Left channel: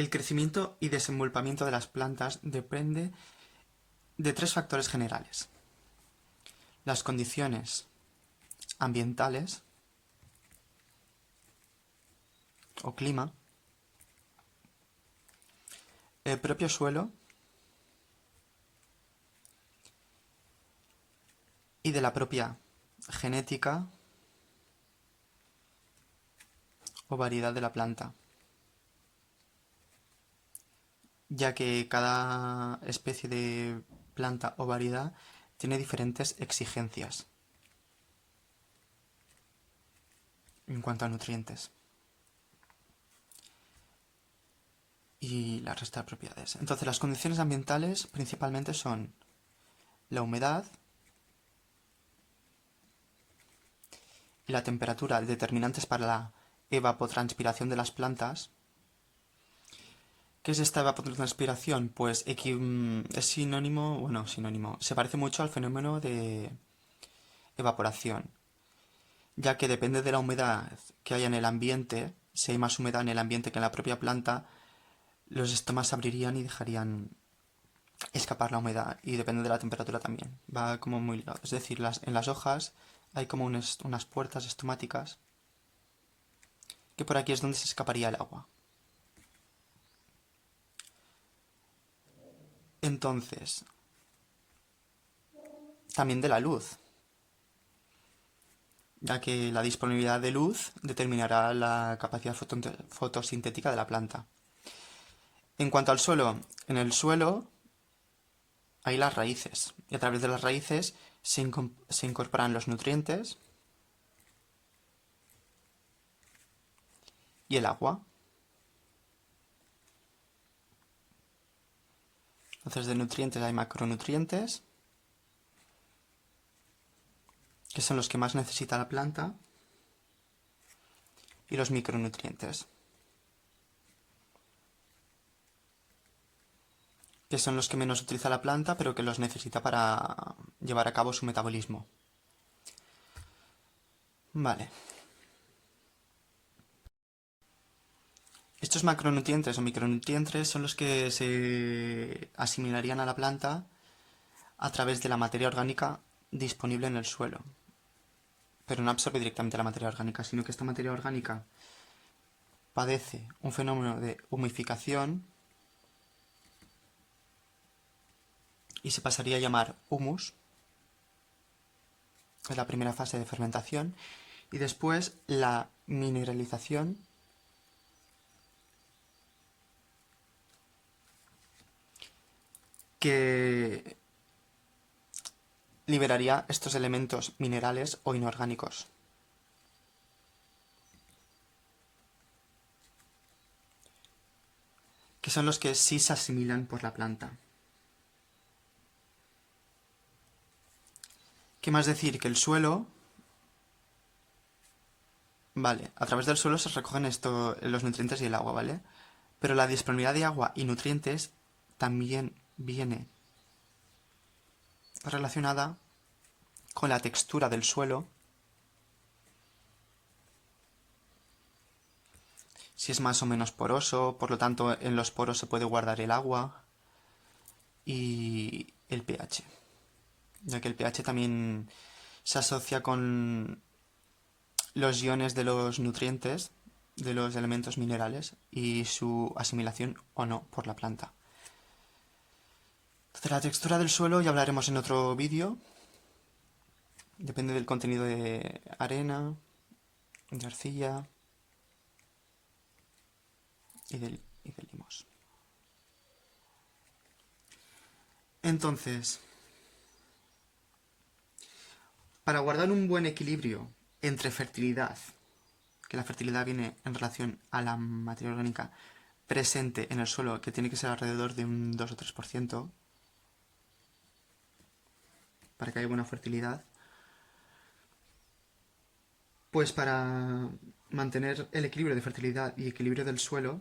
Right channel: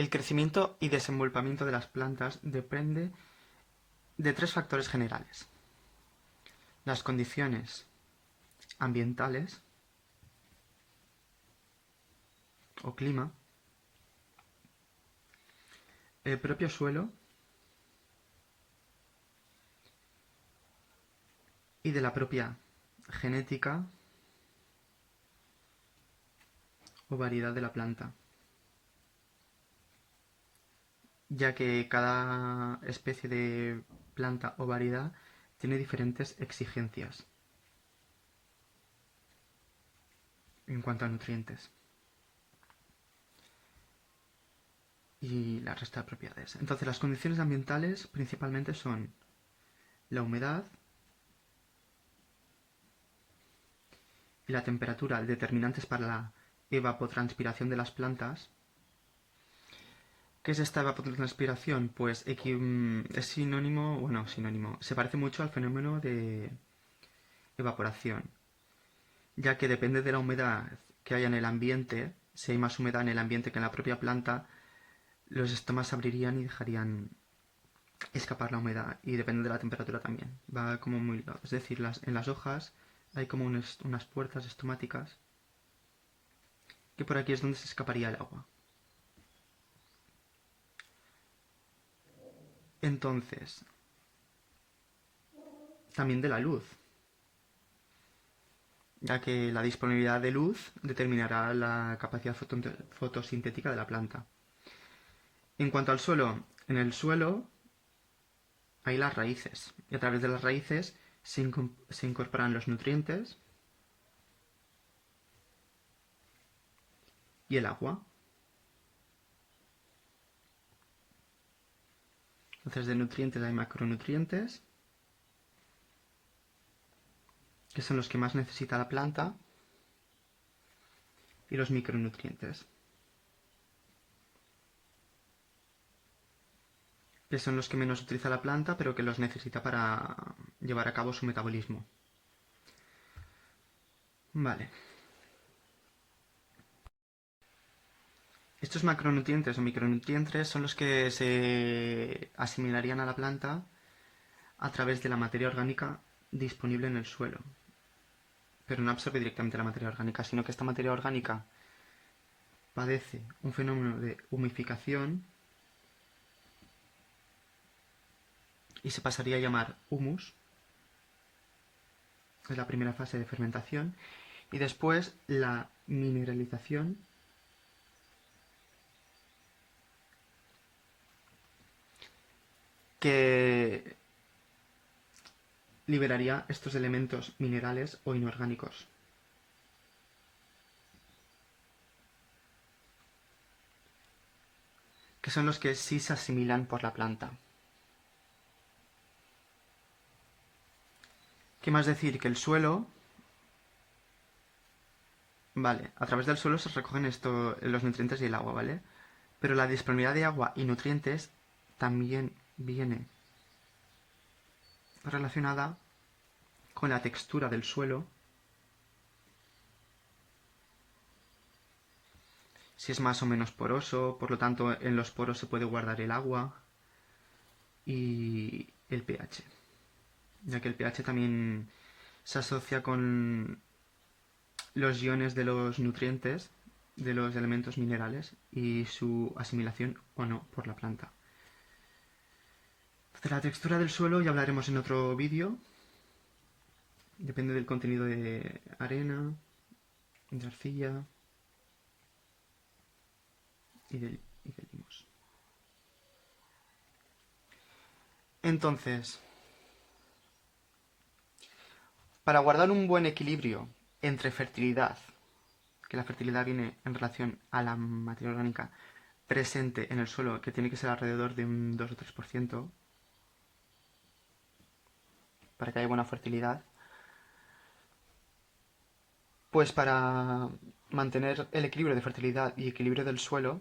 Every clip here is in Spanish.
El crecimiento y desenvolvimiento de las plantas depende de tres factores generales: las condiciones ambientales o clima, el propio suelo y de la propia genética o variedad de la planta, ya que cada especie de planta o variedad tiene diferentes exigencias en cuanto a nutrientes y la resta de propiedades. Entonces, las condiciones ambientales principalmente son la humedad y la temperatura, determinantes para la evapotranspiración de las plantas. ¿Qué es esta evapotranspiración? Pues es sinónimo, se parece mucho al fenómeno de evaporación, ya que depende de la humedad que haya en el ambiente. Si hay más humedad en el ambiente que en la propia planta, los estomas se abrirían y dejarían escapar la humedad, y depende de la temperatura también. Va como muy ligado. Es decir, en las hojas hay como unas puertas estomáticas, que por aquí es donde se escaparía el agua. Entonces, también de la luz, ya que la disponibilidad de luz determinará la capacidad fotosintética de la planta. En cuanto al suelo, en el suelo hay las raíces, y a través de las raíces se incorporan los nutrientes y el agua. Entonces, de nutrientes hay macronutrientes, que son los que más necesita la planta, y los micronutrientes, que son los que menos utiliza la planta, pero que los necesita para llevar a cabo su metabolismo. Vale. Estos macronutrientes o micronutrientes son los que se asimilarían a la planta a través de la materia orgánica disponible en el suelo. Pero no absorbe directamente la materia orgánica, sino que esta materia orgánica padece un fenómeno de humificación y se pasaría a llamar humus. Es la primera fase de fermentación. Y después la mineralización, que liberaría estos elementos minerales o inorgánicos. Que son los que sí se asimilan por la planta. ¿Qué más decir? Que el suelo... Vale, a través del suelo se recogen los nutrientes y el agua, ¿vale? Pero la disponibilidad de agua y nutrientes también viene relacionada con la textura del suelo, si es más o menos poroso, por lo tanto en los poros se puede guardar el agua, y el pH, ya que el pH también se asocia con los iones de los nutrientes, de los elementos minerales, y su asimilación o no por la planta. De la textura del suelo ya hablaremos en otro vídeo. Depende del contenido de arena, de arcilla y del limos. Entonces, para guardar un buen equilibrio entre fertilidad, que la fertilidad viene en relación a la materia orgánica presente en el suelo, que tiene que ser alrededor de un 2 o 3%, para que haya buena fertilidad, pues para mantener el equilibrio de fertilidad y equilibrio del suelo,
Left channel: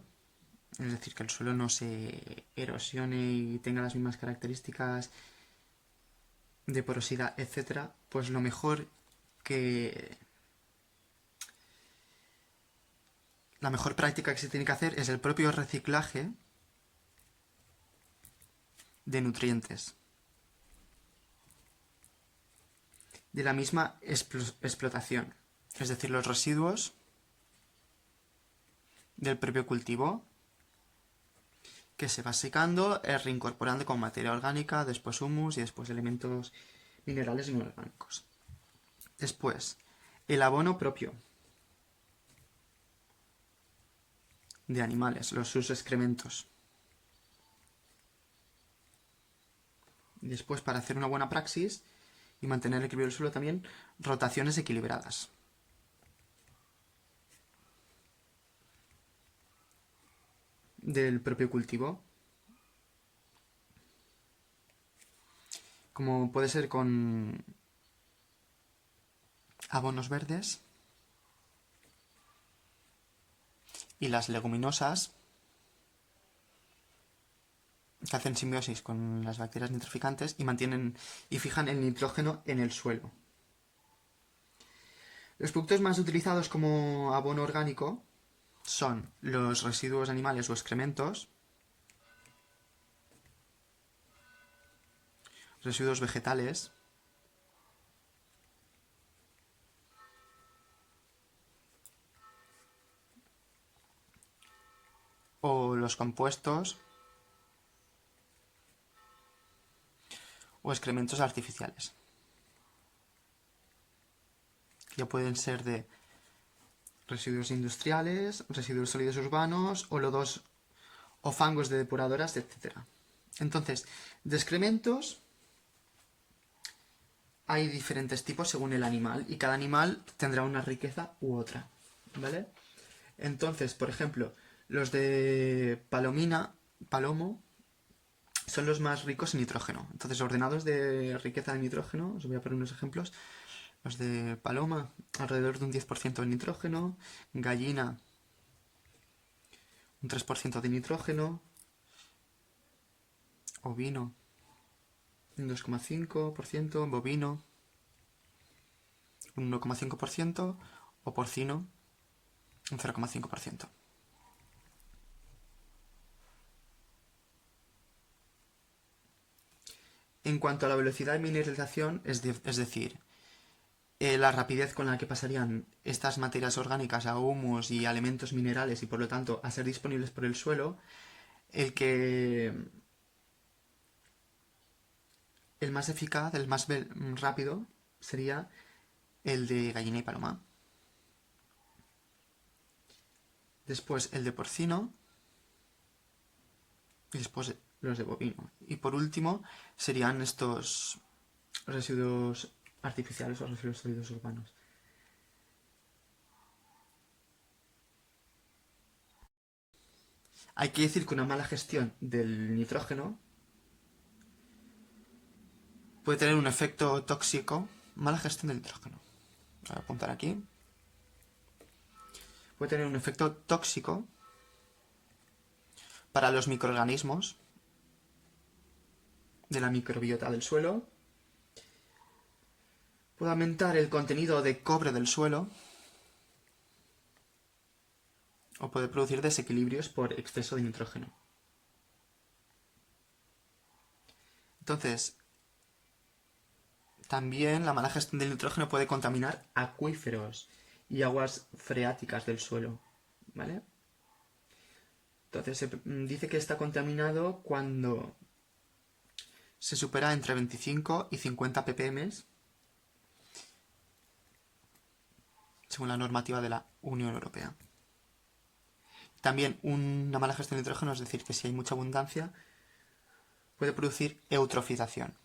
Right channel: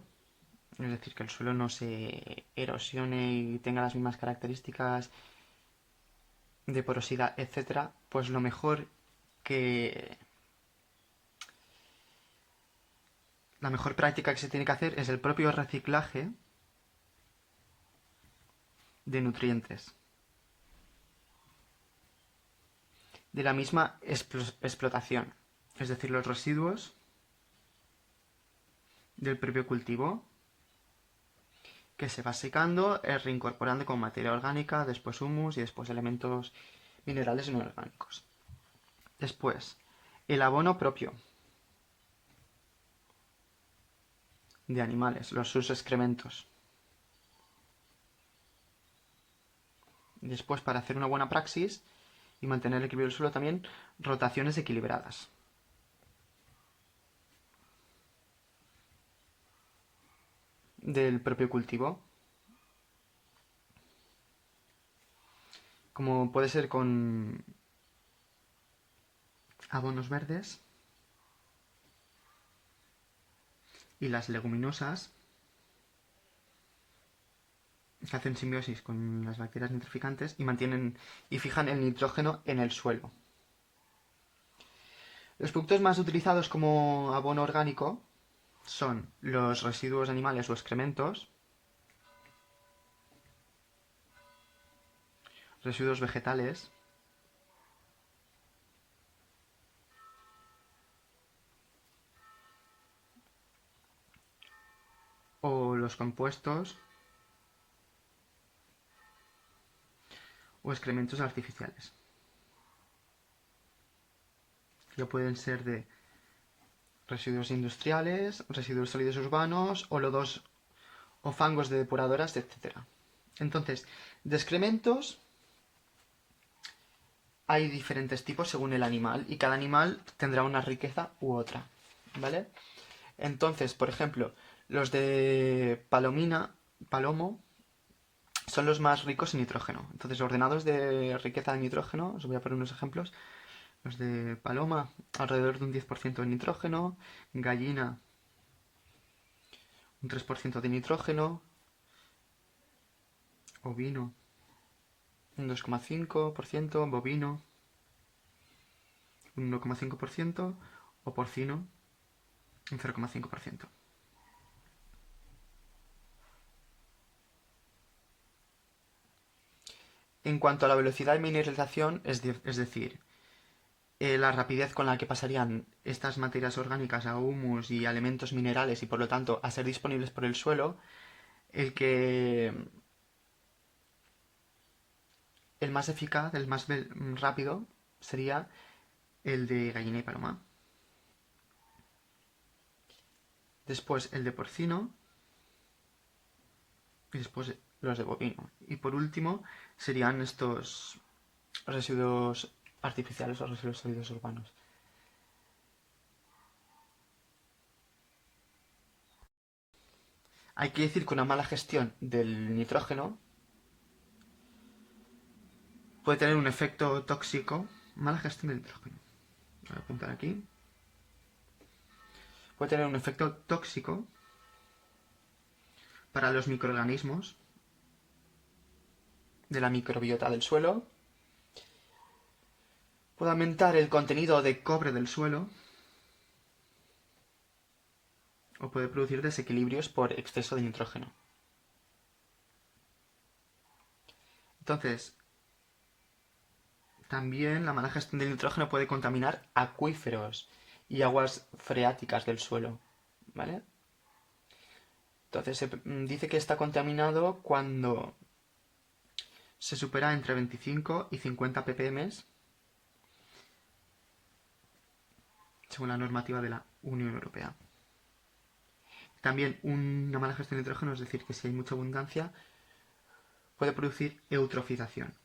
es decir, que el suelo no se erosione y tenga las mismas características de porosidad, etcétera, pues lo mejor que la mejor práctica que se tiene que hacer es el propio reciclaje de nutrientes de la misma explotación, es decir, los residuos del propio cultivo que se va secando, reincorporando con materia orgánica, después humus y después elementos minerales inorgánicos. Después, el abono propio de animales, sus excrementos. Después, para hacer una buena praxis y mantener el equilibrio del suelo también, rotaciones equilibradas. Del propio cultivo. Como puede ser con abonos verdes y las leguminosas que hacen simbiosis con las bacterias nitrificantes y mantienen y fijan el nitrógeno en el suelo. Los productos más utilizados como abono orgánico son los residuos animales o excrementos, residuos vegetales, o los compuestos o excrementos artificiales. Ya pueden ser de residuos industriales, residuos sólidos urbanos o lodos o fangos de depuradoras, etc. Entonces, de excrementos hay diferentes tipos según el animal y cada animal tendrá una riqueza u otra, ¿vale? Entonces, por ejemplo, los de palomo, son los más ricos en nitrógeno. Entonces, ordenados de riqueza de nitrógeno, os voy a poner unos ejemplos. Los de paloma, alrededor de un 10% de nitrógeno. Gallina, un 3% de nitrógeno. Ovino, un 2,5%. Bovino, un 1,5%. O porcino, un 0,5%. En cuanto a la velocidad de mineralización, es decir, la rapidez con la que pasarían estas materias orgánicas a humus y a elementos minerales y por lo tanto a ser disponibles por el suelo, el más eficaz, el más rápido sería el de gallina y paloma. Después el de porcino y después los de bovino. Y por último serían estos residuos artificiales o residuos sólidos urbanos. Hay que decir que una mala gestión del nitrógeno puede tener un efecto tóxico. Mala gestión del nitrógeno. Voy a apuntar aquí. Puede tener un efecto tóxico para los microorganismos de la microbiota del suelo. Puede aumentar el contenido de cobre del suelo. O puede producir desequilibrios por exceso de nitrógeno. Entonces, también la mala gestión del nitrógeno puede contaminar acuíferos y aguas freáticas del suelo, ¿vale? Entonces se dice que está contaminado cuando se supera entre 25 y 50 ppm, según la normativa de la Unión Europea. También una mala gestión del nitrógeno, es decir, que si hay mucha abundancia, puede producir eutrofización,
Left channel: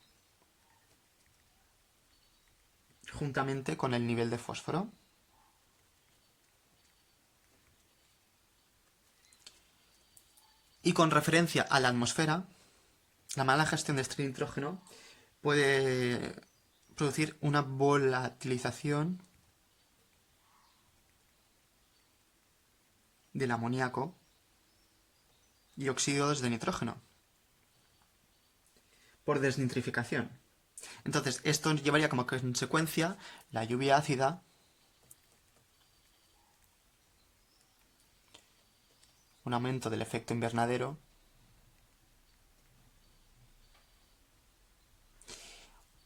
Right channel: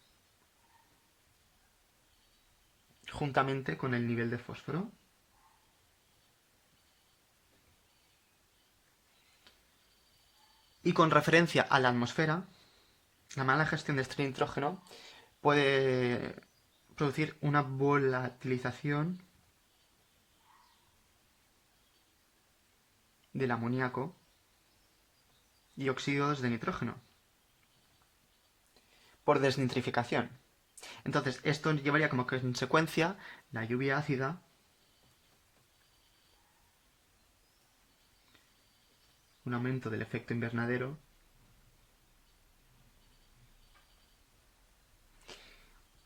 juntamente con el nivel de fósforo. Y con referencia a la atmósfera, la mala gestión de este nitrógeno puede producir una volatilización del amoníaco y óxidos de nitrógeno por desnitrificación. Entonces, esto llevaría como consecuencia la lluvia ácida un aumento del efecto invernadero,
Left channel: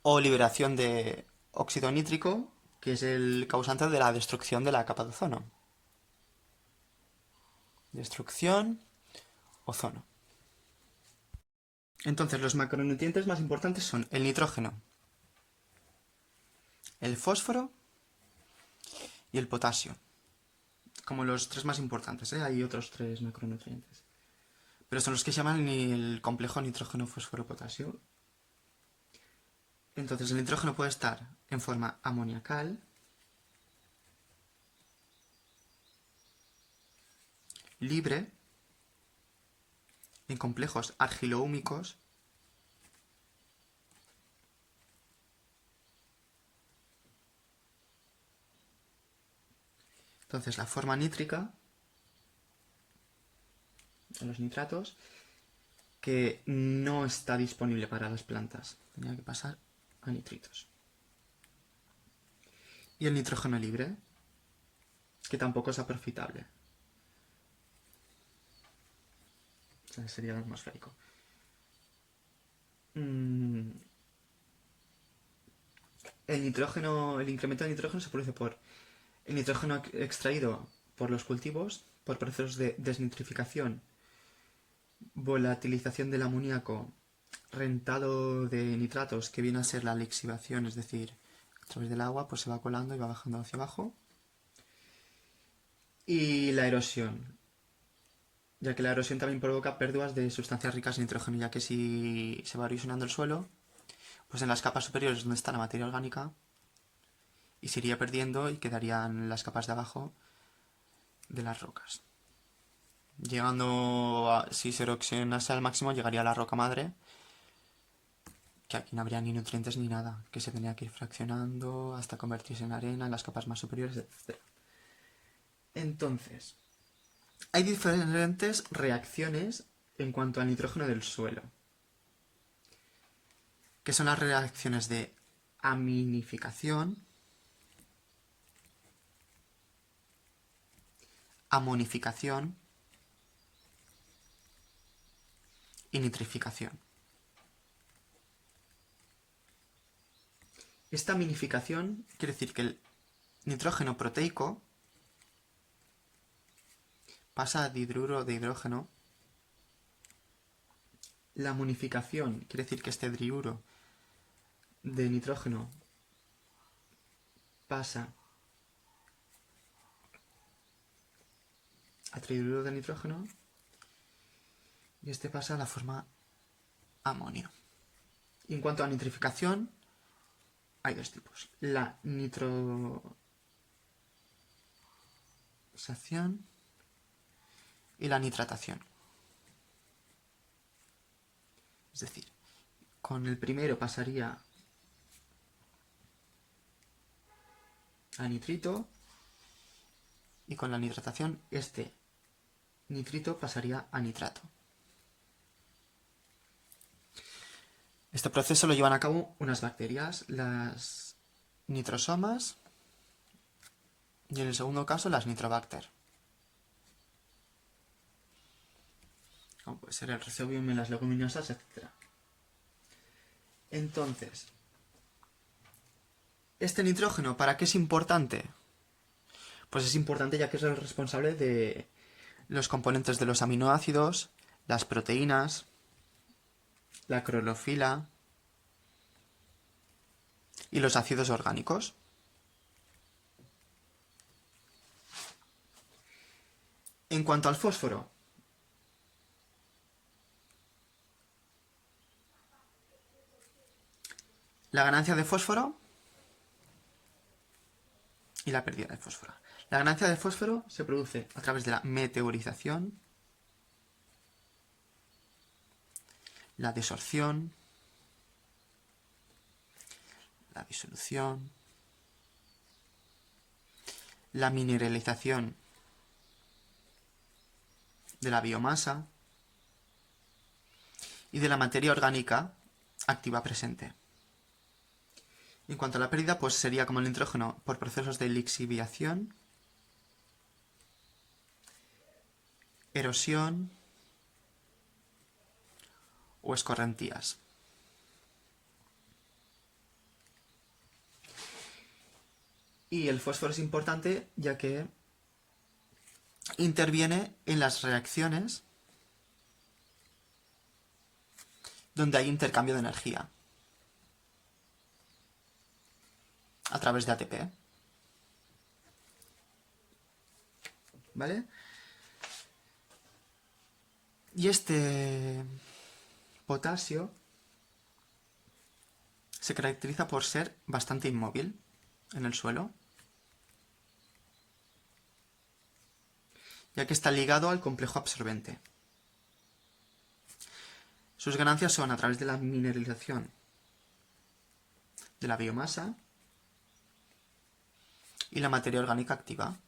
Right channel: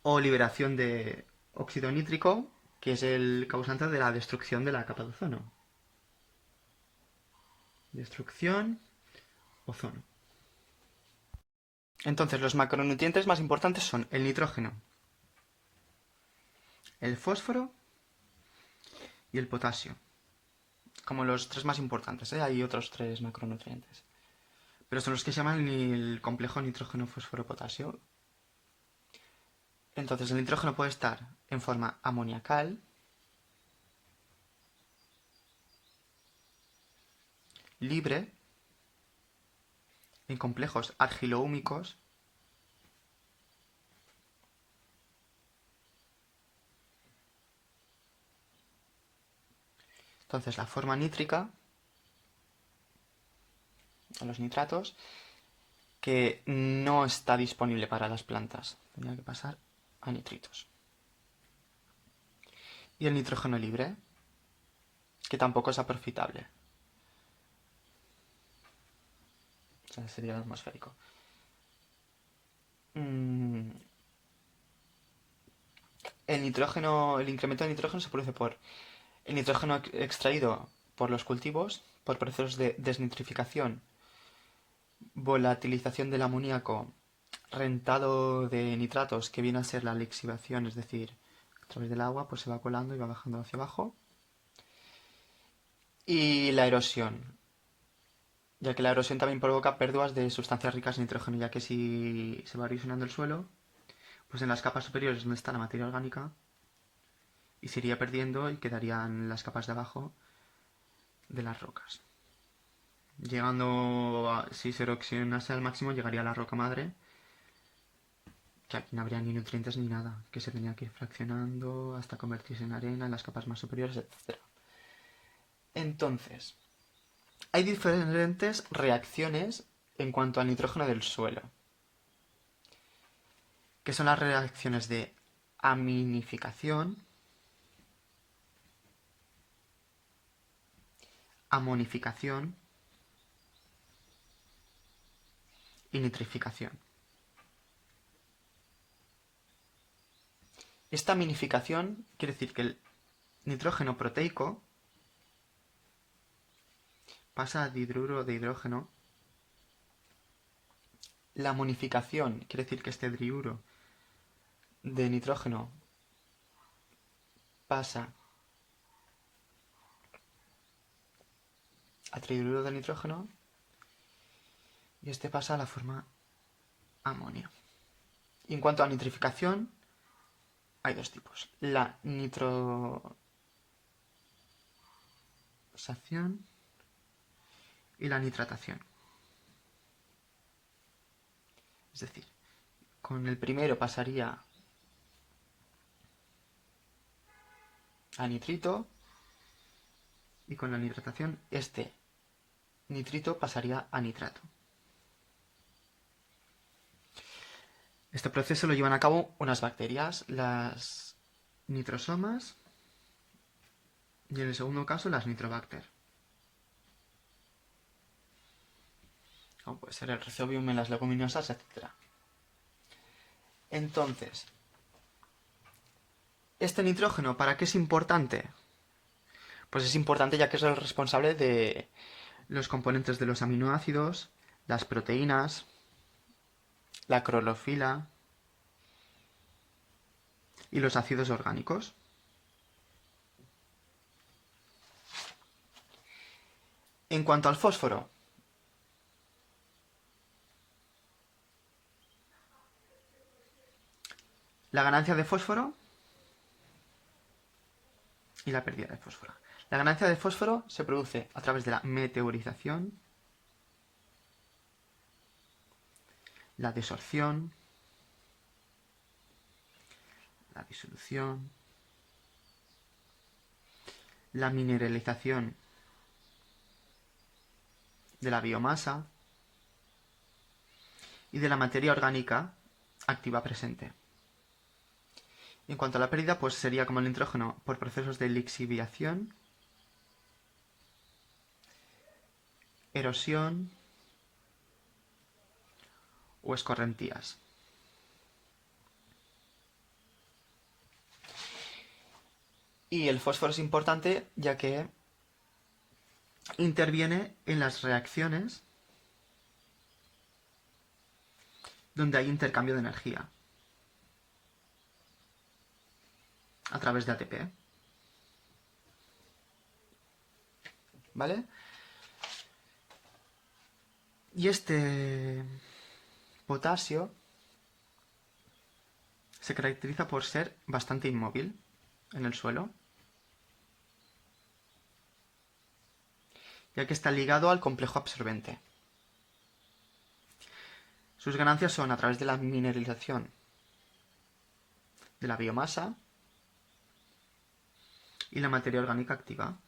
o liberación de óxido nítrico, que es el causante de la destrucción de la capa de ozono. Destrucción, ozono. Entonces, los macronutrientes más importantes son el nitrógeno, el fósforo y el potasio. Como los tres más importantes, ¿eh? Hay otros tres macronutrientes. Pero son los que se llaman el complejo nitrógeno-fósforo-potasio. Entonces, el nitrógeno puede estar en forma amoniacal, libre, en complejos argilo-húmicos, entonces la forma nítrica, los nitratos, que no está disponible para las plantas, tenía que pasar a nitritos. Y el nitrógeno libre, que tampoco es aprofitable. O sea, sería el atmosférico. El nitrógeno, el incremento de nitrógeno se produce por el nitrógeno extraído por los cultivos, por procesos de desnitrificación, volatilización del amoníaco, rentado de nitratos, que viene a ser la lixiviación, es decir, a través del agua pues se va colando y va bajando hacia abajo, y la erosión, ya que la erosión también provoca pérdidas de sustancias ricas en nitrógeno, ya que si se va erosionando el suelo, pues en las capas superiores donde está la materia orgánica, y se iría perdiendo y quedarían las capas de abajo de las rocas. Llegando a, si se erosionase al máximo, llegaría a la roca madre, que aquí no habría ni nutrientes ni nada, que se tenía que ir fraccionando hasta convertirse en arena en las capas más superiores, etc. Entonces, hay diferentes reacciones en cuanto al nitrógeno del suelo, que son las reacciones de aminificación, amonificación y nitrificación. Esta aminificación quiere decir que el nitrógeno proteico pasa a dihidruro de hidrógeno. La amonificación quiere decir que este diuro de nitrógeno pasa a trihidrato de nitrógeno y este pasa a la forma amonio. Y en cuanto a nitrificación, hay dos tipos. La nitrosación y la nitratación. Es decir, con el primero pasaría a nitrito y con la nitratación este nitrito pasaría a nitrato. Este proceso lo llevan a cabo unas bacterias, las nitrosomas, y en el segundo caso las nitrobacter. Como puede ser el rhizobium en las leguminosas, etc. Entonces, ¿este nitrógeno para qué es importante? Pues es importante ya que es el responsable de los componentes de los aminoácidos, las proteínas, la clorofila y los ácidos orgánicos. En cuanto al fósforo, la ganancia de fósforo y la pérdida de fósforo. La ganancia de fósforo se produce a través de la meteorización, la desorción, la disolución, la mineralización de la biomasa y de la materia orgánica activa presente. En cuanto a la pérdida, pues sería como el nitrógeno por procesos de lixiviación, erosión o escorrentías. Y el fósforo es importante ya que interviene en las reacciones donde hay intercambio de energía a través de ATP. ¿Vale? Y este potasio se caracteriza por ser bastante inmóvil en el suelo, ya que está ligado al complejo absorbente. Sus ganancias son a través de la mineralización de la biomasa y la materia orgánica activa.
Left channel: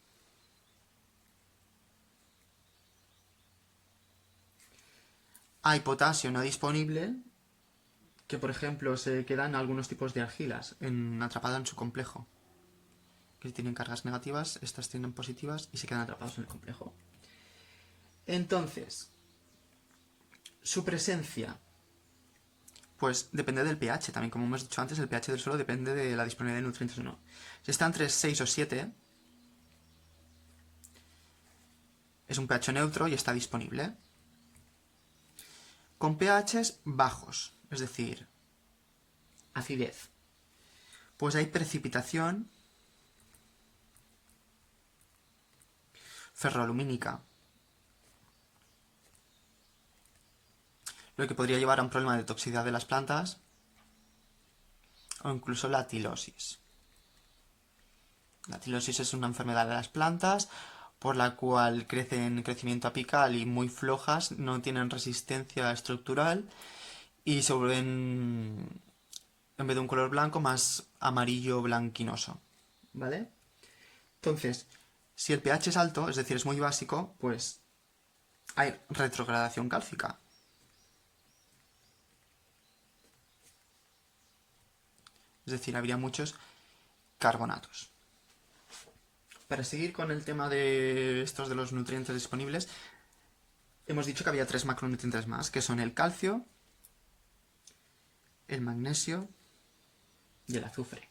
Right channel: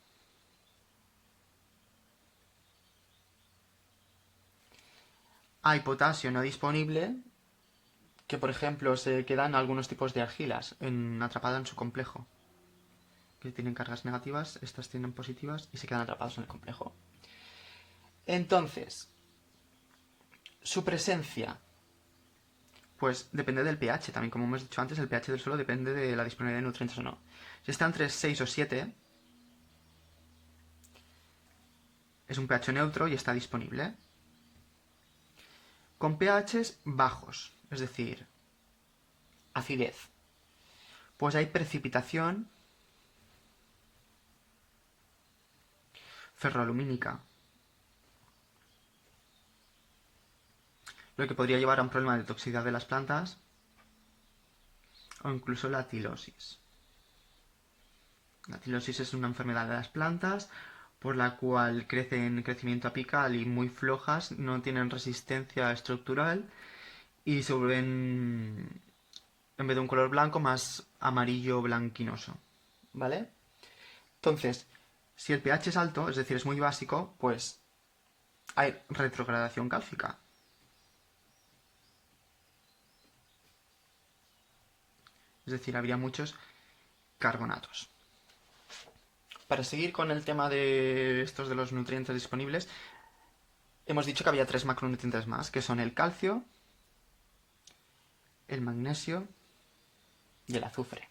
Hay potasio no disponible que, por ejemplo, se quedan algunos tipos de argilas atrapadas en su complejo, que tienen cargas negativas, estas tienen positivas y se quedan atrapados en el complejo. Entonces, su presencia, pues depende del pH, también como hemos dicho antes, el pH del suelo depende de la disponibilidad de nutrientes o no. Si está entre 6 o 7, es un pH neutro y está disponible. Con pHs bajos, es decir, acidez, pues hay precipitación ferroalumínica, lo que podría llevar a un problema de toxicidad de las plantas o incluso la tilosis. La tilosis es una enfermedad de las plantas por la cual crecen crecimiento apical y muy flojas, no tienen resistencia estructural y se vuelven, en vez de un color blanco, más amarillo blanquinoso. ¿Vale? Entonces, si el pH es alto, es decir, es muy básico, pues hay retrogradación cálcica. Es decir, habría muchos carbonatos. Para seguir con el tema de estos de los nutrientes disponibles, hemos dicho que había 3 macronutrientes más, que son el calcio, el magnesio y el azufre.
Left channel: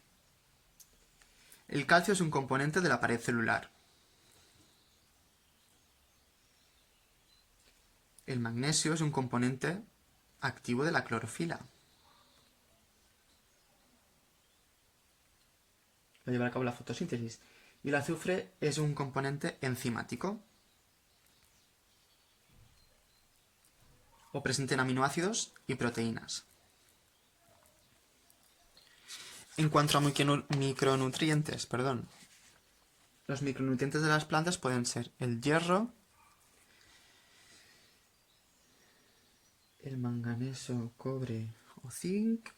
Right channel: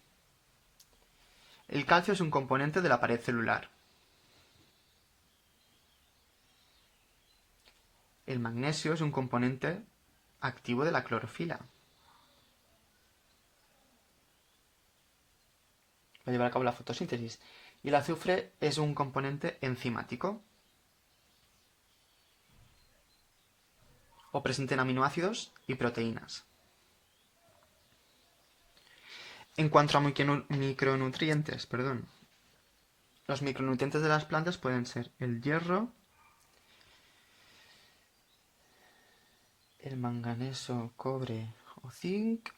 El calcio es un componente de la pared celular. El magnesio es un componente activo de la clorofila. Va a llevar a cabo la fotosíntesis. Y el azufre es un componente enzimático o presente en aminoácidos y proteínas. En cuanto a micronutrientes, los micronutrientes de las plantas pueden ser el hierro, el manganeso, cobre o zinc,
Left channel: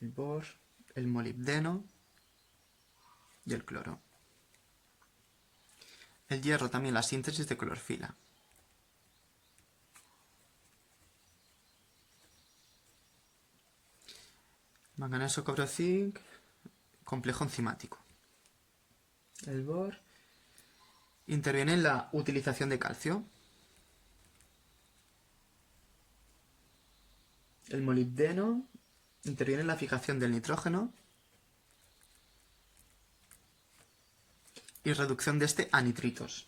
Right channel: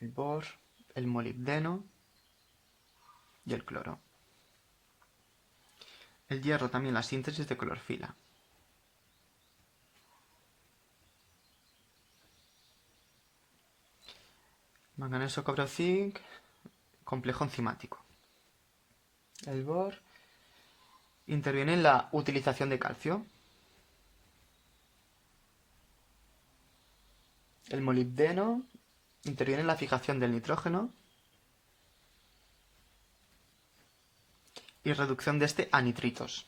el bor, el molibdeno y el cloro. El hierro también la síntesis de clorofila. Manganeso, cobre o zinc, complejo enzimático. El bor interviene en la utilización de calcio. El molibdeno interviene en la fijación del nitrógeno y reducción de este a nitritos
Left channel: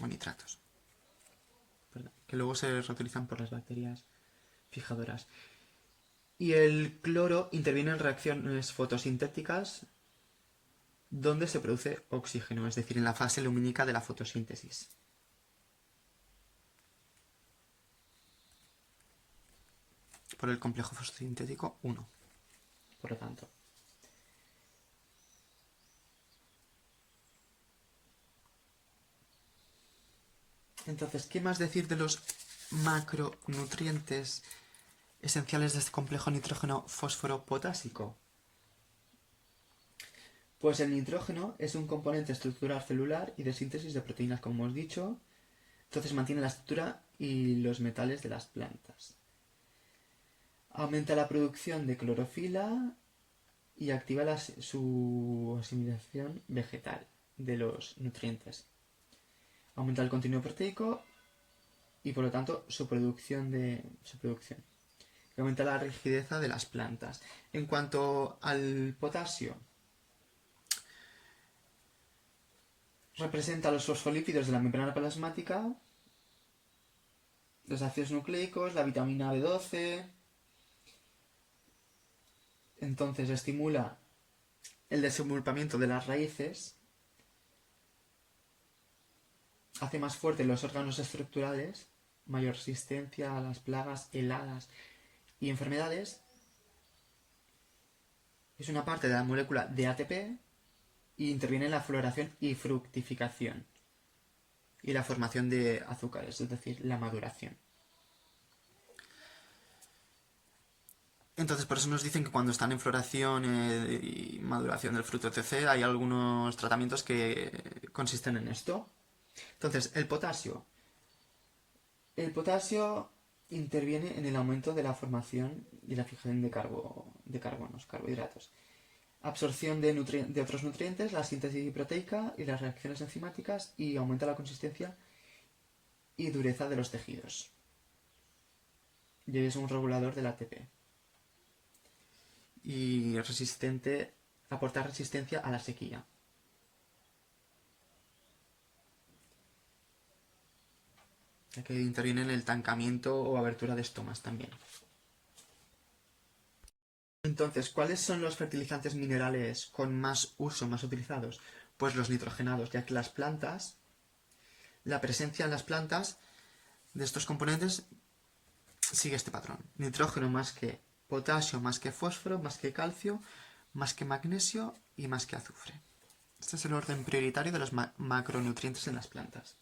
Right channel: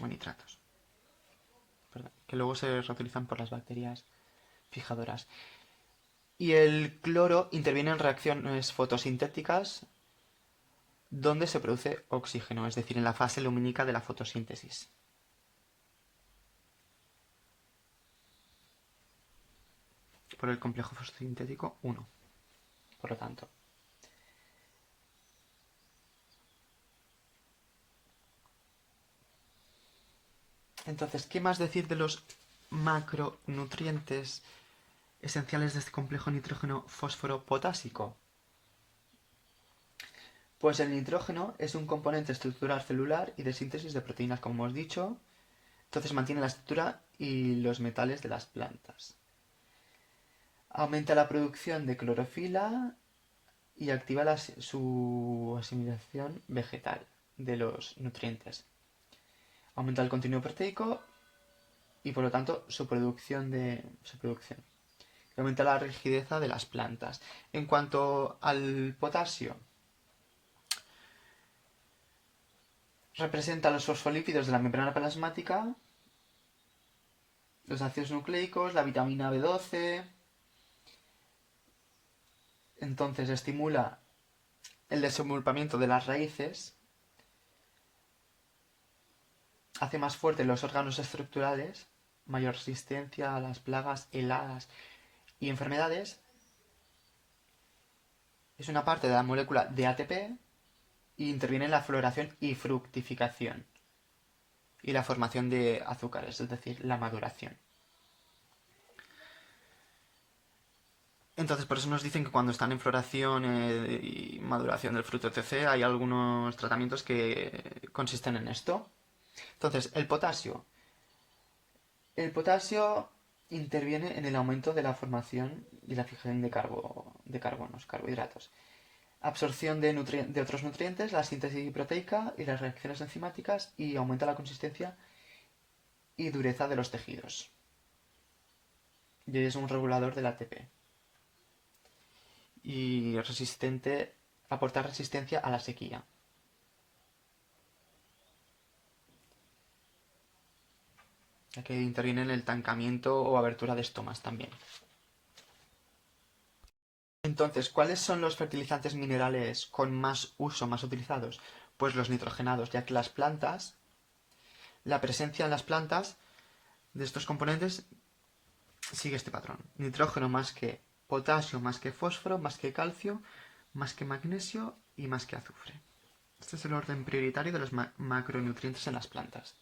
o nitratos, que luego se reutilizan por las bacterias fijadoras. Y el cloro interviene en reacciones fotosintéticas donde se produce oxígeno, es decir, en la fase lumínica de la fotosíntesis. Por el complejo fotosintético 1, por lo tanto. Entonces, ¿qué más decir de los macronutrientes esenciales de este complejo nitrógeno fósforo potásico? Pues el nitrógeno es un componente estructural celular y de síntesis de proteínas, como hemos dicho. Entonces mantiene la estructura y los metales de las plantas. Aumenta la producción de clorofila y activa su asimilación vegetal. de los nutrientes. Aumenta el contenido proteico y por lo tanto su producción. Aumenta la rigidez de las plantas. En cuanto al potasio, representa los fosfolípidos de la membrana plasmática, los ácidos nucleicos, la vitamina B12. Entonces estimula el desenvolvimiento de las raíces, hace más fuertes los órganos estructurales, mayor resistencia a las plagas, heladas y enfermedades. Es una parte de la molécula de ATP y interviene en la floración y fructificación y la formación de azúcares, es decir, la maduración. Entonces, por eso nos dicen que cuando están en floración y maduración del fruto, etc., hay algunos tratamientos que consisten en esto. Entonces, el potasio. El potasio interviene en el aumento de la formación y la fijación de carbonos, carbohidratos. Absorción de otros nutrientes, la síntesis proteica y las reacciones enzimáticas, y aumenta la consistencia y dureza de los tejidos. Y es un regulador del ATP. Y aporta resistencia a la sequía. Ya que interviene en el tancamiento o abertura de estomas también. Entonces, ¿cuáles son los fertilizantes minerales con más uso, más utilizados? Pues los nitrogenados, ya que la presencia en las plantas de estos componentes sigue este patrón. Nitrógeno más que potasio, más que fósforo, más que calcio, más que magnesio y más que azufre. Este es el orden prioritario de los macronutrientes en las plantas.